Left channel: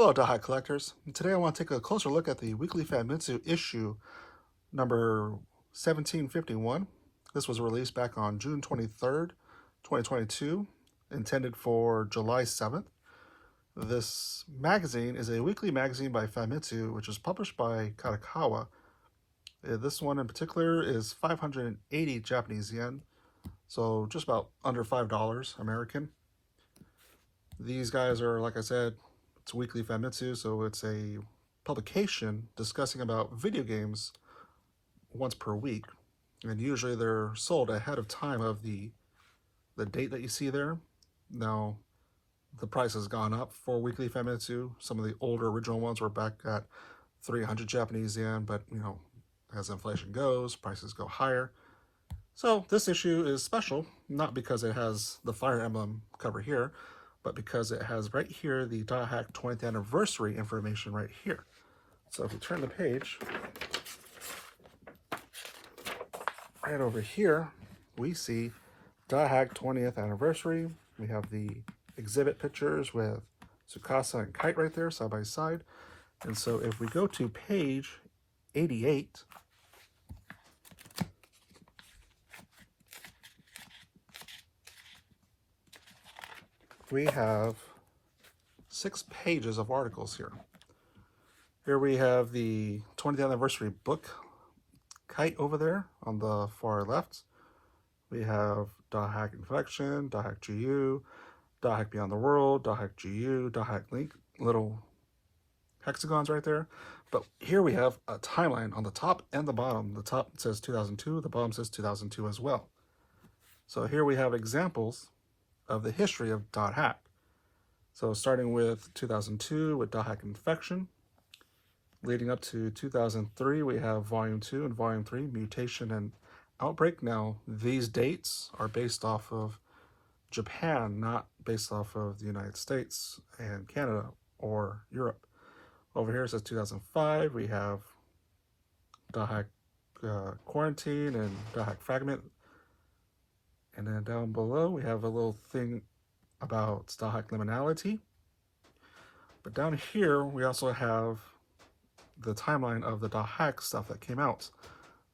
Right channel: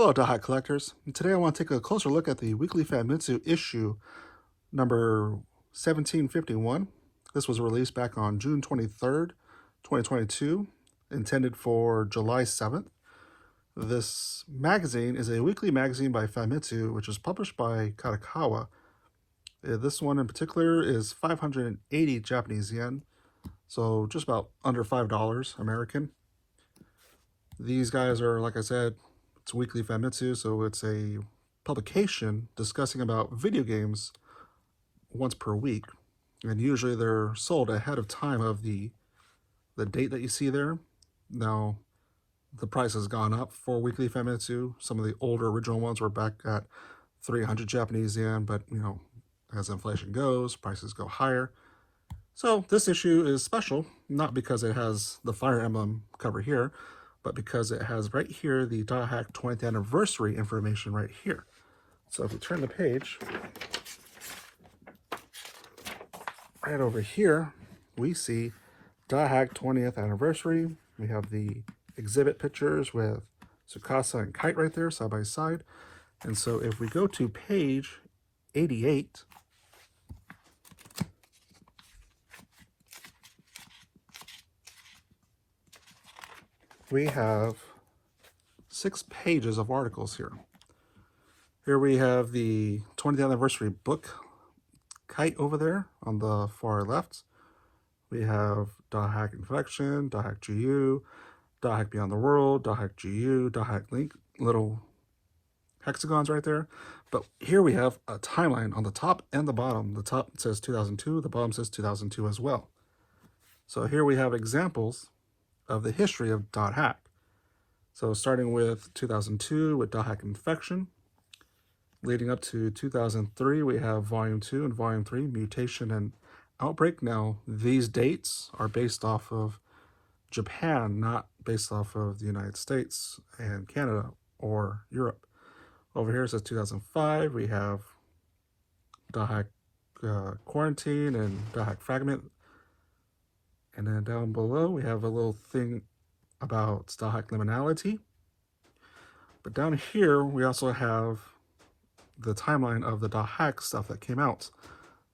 Hello, Dothack Collectors. And today I want to take a closer look at the Weekly Famitsu issue number 1751. This was released back on June 23rd, 2022, intended for July 7th. This magazine is a weekly magazine by Famitsu, which is published by Kadokawa. This one in particular is 580 Japanese yen, so just about under $5 American. These guys are, like I said, it's Weekly Famitsu, so it's a publication discussing about video games once per week. And usually they're sold ahead of time of the date that you see there. Now, the price has gone up for Weekly Famitsu. Some of the older original ones were back at 300 Japanese yen, but as inflation goes, prices go higher. So this issue is special, not because it has the Fire Emblem cover here, but because it has right here the Dothack 20th anniversary information right here. So if you turn the page, right over here, we see Dothack 20th anniversary. We have the exhibit pictures with Tsukasa and Kite right there, side by side. And so if we go to page 88, we have 6 pages of articles here. Here we have the 20th anniversary book, Kite over there on the far left. We have Dothack Infection, Dothack GU, Dothack Beyond the World, Dothack GU, Dothack Link, little hexagons right there. But here we have a timeline on the top and the bottom. The top says 2002, the bottom says 2002 as well. So here we have examples of the history of Dothack. So starting with 2002 with Dothack Infection, leading up to 2003, we have Volume 2 and Volume 3, Mutation and Outbreak. Now, these dates are based off of Japan, not based off of the United States and Canada or Europe. Over here it says 2005, we have Dothack Quarantine and Dothack Fragment. And then down below, we have a little thing about Dothack Liminality. But down here, we also have the timeline of the Dothack stuff that came out.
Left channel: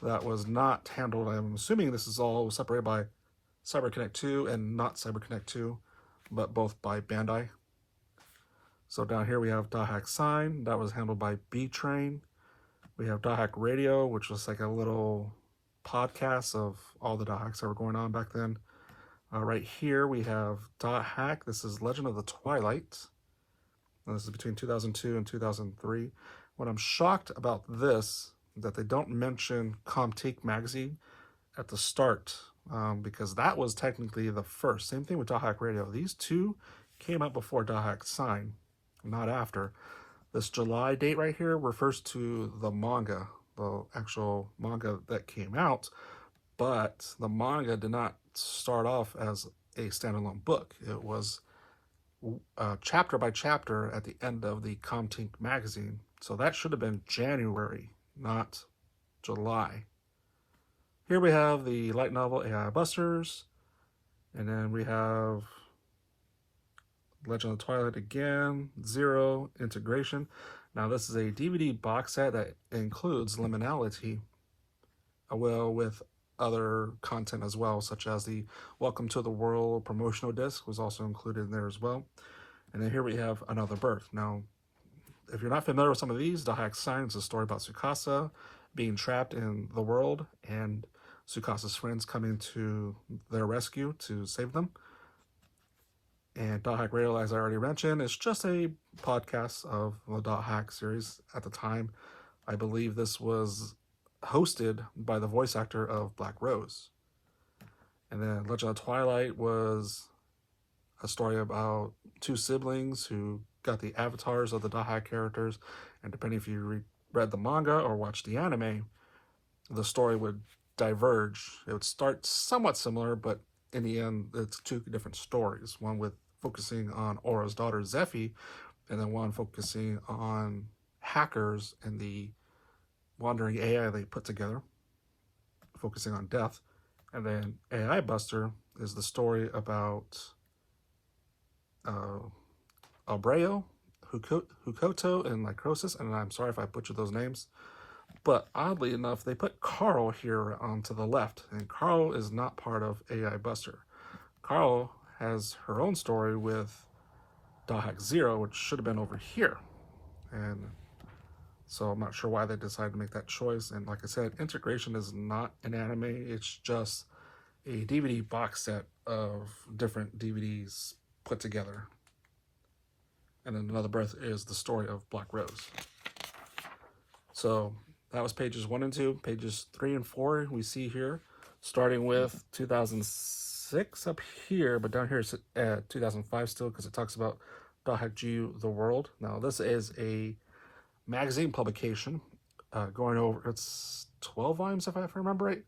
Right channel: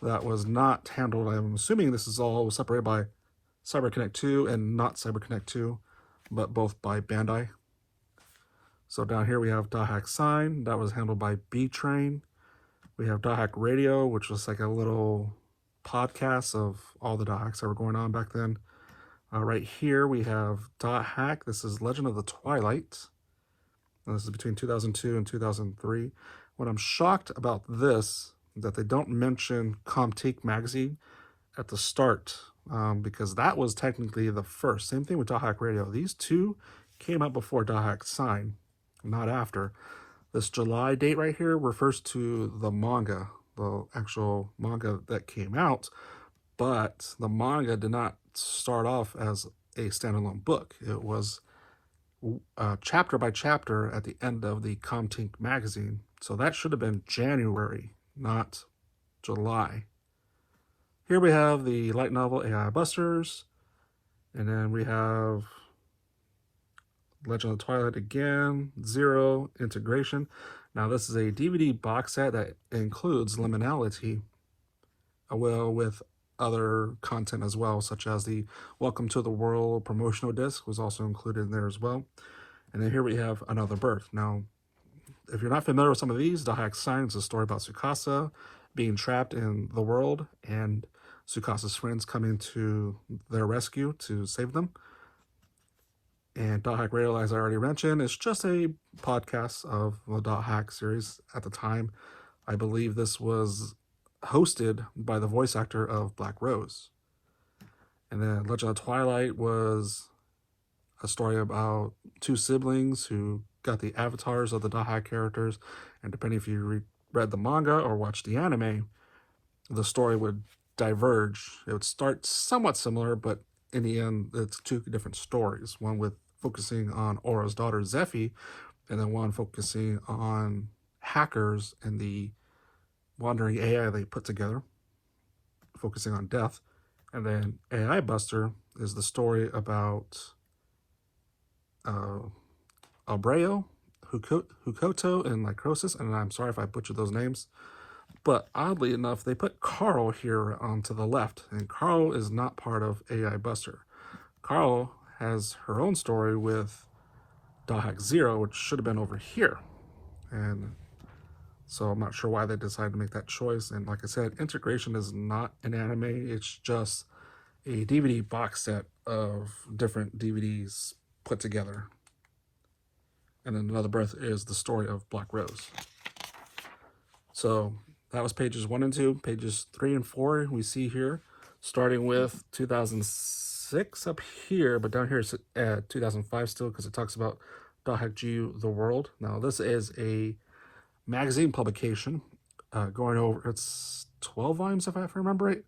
That was not handled. I'm assuming this is all separated by CyberConnect 2 and not CyberConnect 2, but both by Bandai. So down here, we have Dothack Sign. That was handled by B-Train. We have Dothack Radio, which was like a little podcasts of all the Dothacks that were going on back then. Right here we have Dothack. This is Legend of the Twilight. And this is between 2002 and 2003. What I'm shocked about this is that they don't mention Comtique magazine at the start, because that was technically the first. Same thing with Dothack Radio. These two came out before Dothack Sign, not after. This July date right here refers to the manga, the actual manga that came out, but the manga did not start off as a standalone book. It was chapter by chapter at the end of the Comtique magazine. So that should have been January, not July. Here we have the light novel AI Busters, and then we have Legend of the Twilight again, Zero, Integration. Now, this is a DVD box set that includes Liminality, well, with other content as well, such as the Welcome to the World promotional disc was also included in there as well. And then here we have Another Birth. Now, if you're not familiar with some of these, Dothack Sign is a story about Tsukasa being trapped in the world and Tsukasa's friends coming to their rescue to save them. And Dothack Radio, as I already mentioned, is just a podcast of the Dothack series at the time. I believe this was hosted by the voice actor of Black Rose. And then Legend of Twilight was a story about 2 siblings who got the avatars of the Dothack characters. And depending if you read the manga or watched the anime, the story would diverge. It would start somewhat similar, but in the end, it's 2 different stories. One with focusing on Aura's daughter, Zephy, and then one focusing on hackers and the wandering AI they put together, focusing on death. And then AI Buster is the story about Abreu, Hukoto and Microsis, and I'm sorry if I butchered those names. But oddly enough, they put Carl here onto the left, and Carl is not part of AI Buster. Carl has her own story with Dothack Zero, which should have been over here. And so I'm not sure why they decided to make that choice. And like I said, integration is not an anime. It's just a DVD box set of different DVDs put together. And then Another Breath is the story of Black Rose. So that was pages 1 and 2. Pages 3 and 4 we see here, starting with 2006 up here, but down here it's 2005 still, because it talks about Dothack GU The World. Now this is a magazine publication going over, it's 12 volumes if I remember right,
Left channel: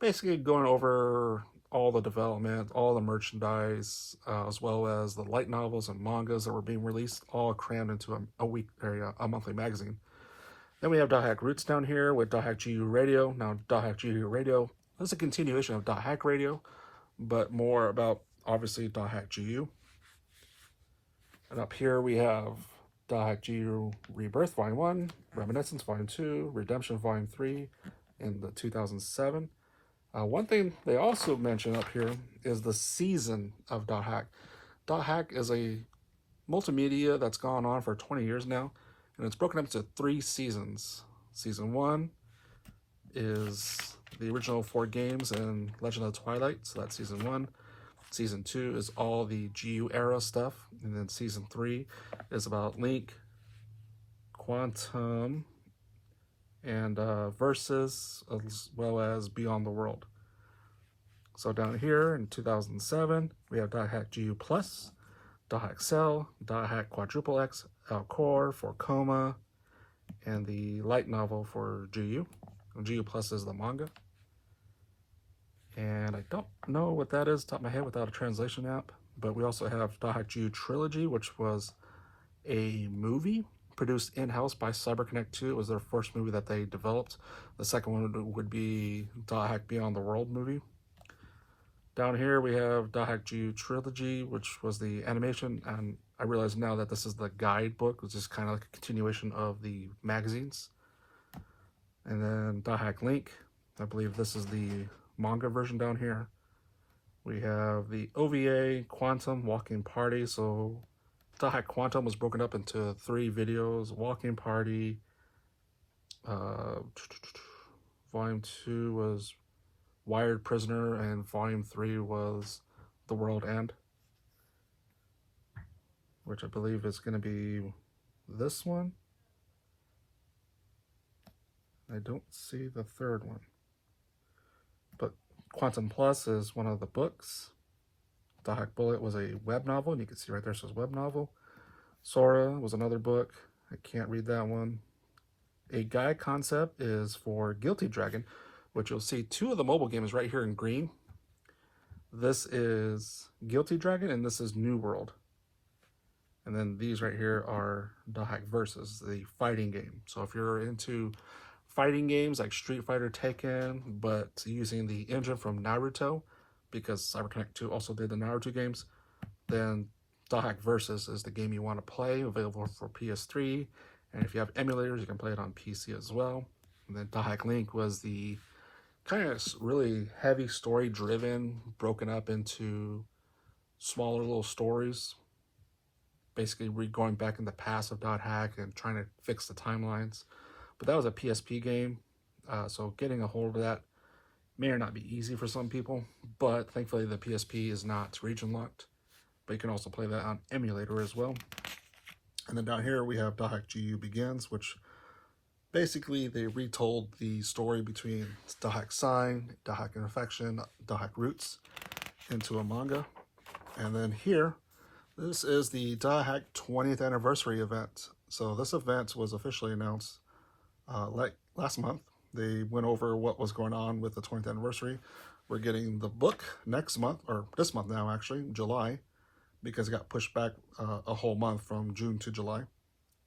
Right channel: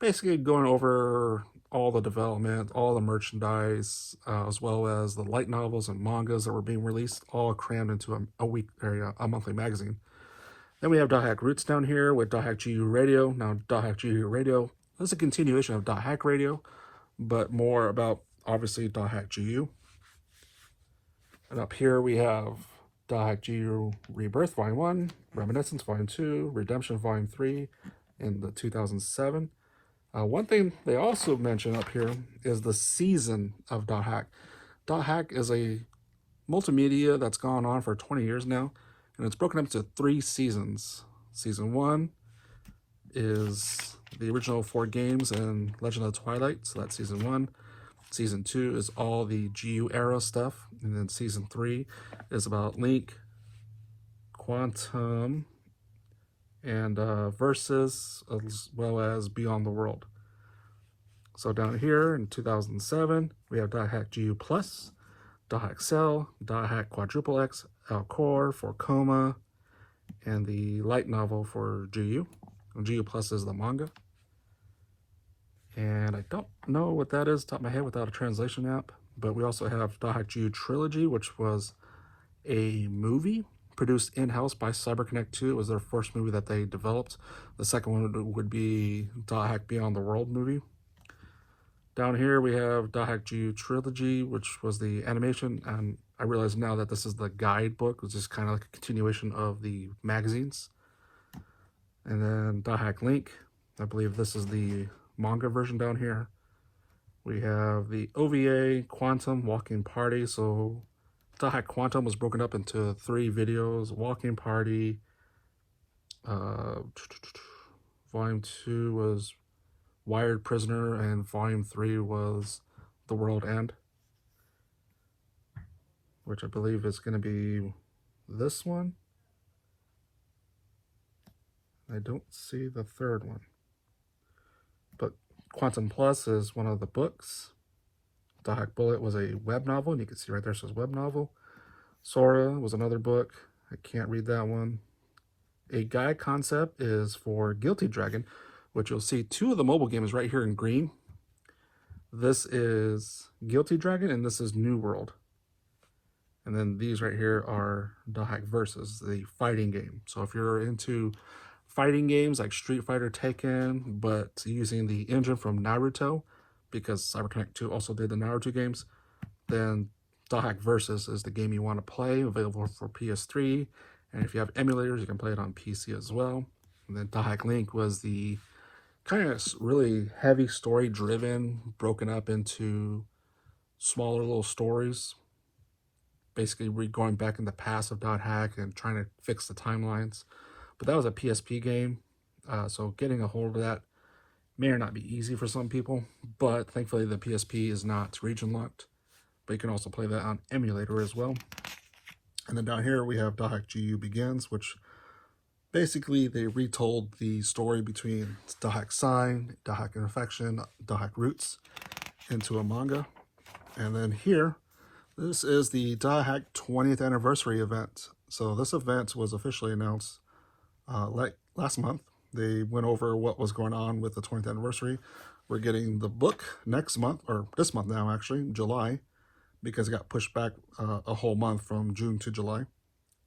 basically going over all the development, all the merchandise, as well as the light novels and mangas that were being released, all crammed into a monthly magazine. Then we have Dothack Roots down here with Dothack GU Radio. Now Dothack GU Radio is a continuation of Dothack Radio, but more about obviously Dothack GU. And up here we have Dothack GU Rebirth Volume 1, Reminiscence Volume 2, Redemption Volume 3 in the 2007. One thing they also mention up here is the season of Dothack. Dothack is a multimedia that's gone on for 20 years now, and it's broken up into 3 seasons. Season 1 is the original 4 games and Legend of Twilight, so that's Season 1. Season 2 is all the GU era stuff, and then Season 3 is about Link, Quantum, and Versus, as well as Beyond the World. So down here in 2007, we have Dothack GU Plus, Dothack Cell, Dothack Quadruple X, Alcor for Coma, and the light novel for GU. GU Plus is the manga. And I don't know what that is, top of my head, without a translation app. But we also have Dothack GU Trilogy, which was a movie produced in-house by CyberConnect 2. It was their first movie that they developed. The second one would be Dothack Beyond the World movie. Down here we have Dothack GU Trilogy, which was the animation, and I realize now that this is the guidebook, which is kind of like a continuation of the magazines. And then Dothack Link, I believe this is the manga version down here. We have the OVA Quantum Walking Party. So Dothack Quantum was broken up into 3 videos. Walking Party, Volume 2 was Wired Prisoner, and Volume 3 was The World End, which I believe is going to be this one. I don't see the third one. But Quantum Plus is one of the books. Dothack Bullet was a web novel, and you can see right there it says web novel. Sora was another book. I can't read that one. A guide concept is for Guilty Dragon, which you'll see 2 of the mobile games right here in green. This is Guilty Dragon, and this is New World. And then these right here are Dothack Versus, the fighting game. So if you're into fighting games like Street Fighter, Tekken, but using the engine from Naruto, because CyberConnect 2 also did the Naruto games, then Dothack Versus is the game you want to play, available for PS3. And if you have emulators, you can play it on PC as well. And then Dothack Link was the kind of really heavy story driven, broken up into smaller little stories. Basically, we're going back in the past of Dothack and trying to fix the timelines. But that was a PSP game, so getting a hold of that may or not be easy for some people, but thankfully the PSP is not region locked. But you can also play that on emulator as well. And then down here we have Dothack GU Begins, which basically they retold the story between Dothack Sign, Dothack Infection, Dothack Roots into a manga. And then here, this is the Dothack 20th anniversary event. So this event was officially announced like last month. They went over what was going on with the 20th anniversary. We're getting the book next month, or this month now actually, July, because it got pushed back a whole month from June to July.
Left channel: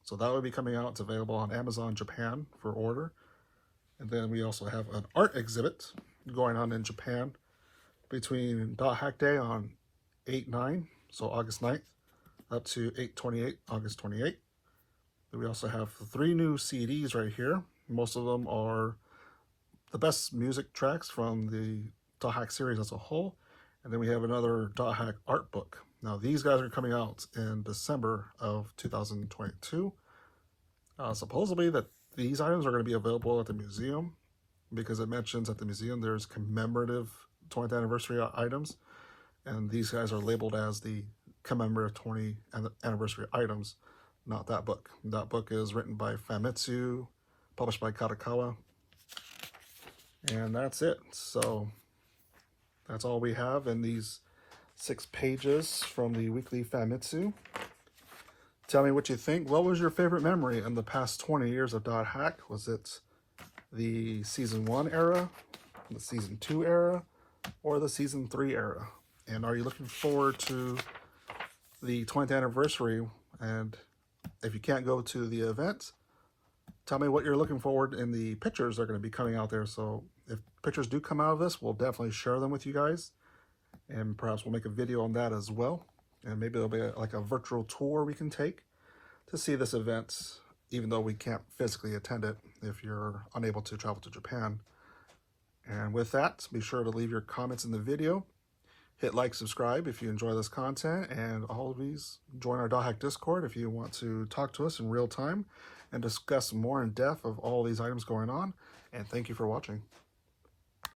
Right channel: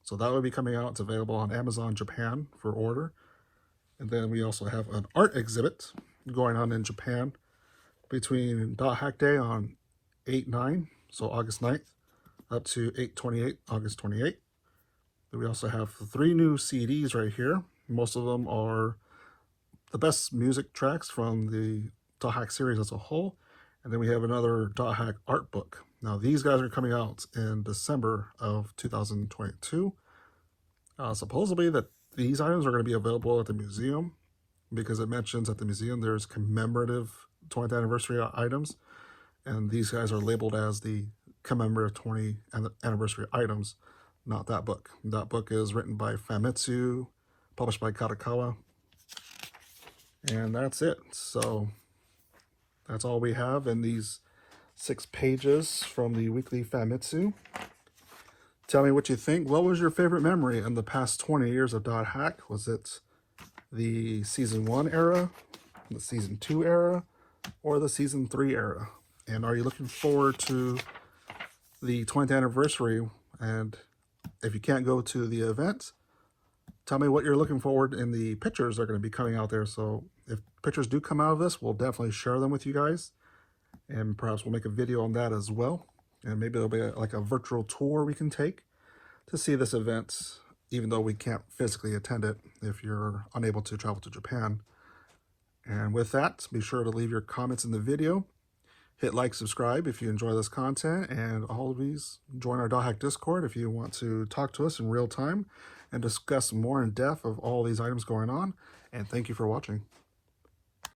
So that will be coming out. It's available on Amazon Japan for order. And then we also have an art exhibit going on in Japan between Dothack Day on 8/9, so August 9th, up to 8/28, August 28th. We also have 3 new CDs right here. Most of them are the best music tracks from the Dothack series as a whole. And then we have another Dothack art book. Now these guys are coming out in December of 2022. Supposedly that these items are going to be available at the museum, because it mentions at the museum there's commemorative 20th anniversary items, and these guys are labeled as the commemorative 20th anniversary items, not that book. That book is written by Famitsu, published by Kadokawa, and that's it. So that's all we have in these 6 pages from the Weekly Famitsu. Tell me what you think. What was your favorite memory in the past 20 years of Dothack? Was it the Season 1 era, the Season 2 era, or the Season 3 era? And are you looking forward to the 20th anniversary? And if you can't go to the event, tell me what you're looking forward in the pictures that are going to be coming out there. So if pictures do come out of this, we'll definitely share them with you guys. And perhaps we'll make a video on that as well. And maybe it'll be like a virtual tour we can take to see this event, even though we can't physically attend it if you're unable to travel to Japan. And with that, be sure to leave your comments in the video. Hit like, subscribe if you enjoy this content, and all of these, join our Dothack Discord if you want to talk to us in real time and discuss more in depth of all these items going on. And thank you for watching.